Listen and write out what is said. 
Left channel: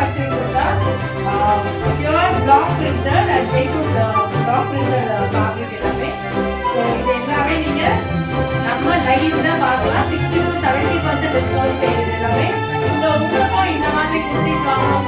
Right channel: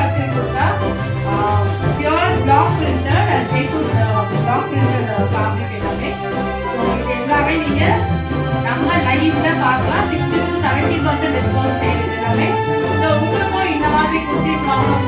Manufacturing கொடுத்தா pure black printed and Jaipur black printed fabric எல்லாமே. So இது எல்லாமே நீங்க நம்ம லைவ்ல பார்க்கலாம். 60 to 70% டிஸ்கவுண்ட் செய்யுது எல்லாமே. ஸோ உங்களுக்கும் இந்த மாதிரி குர்த்திஸ் வாங்கணும்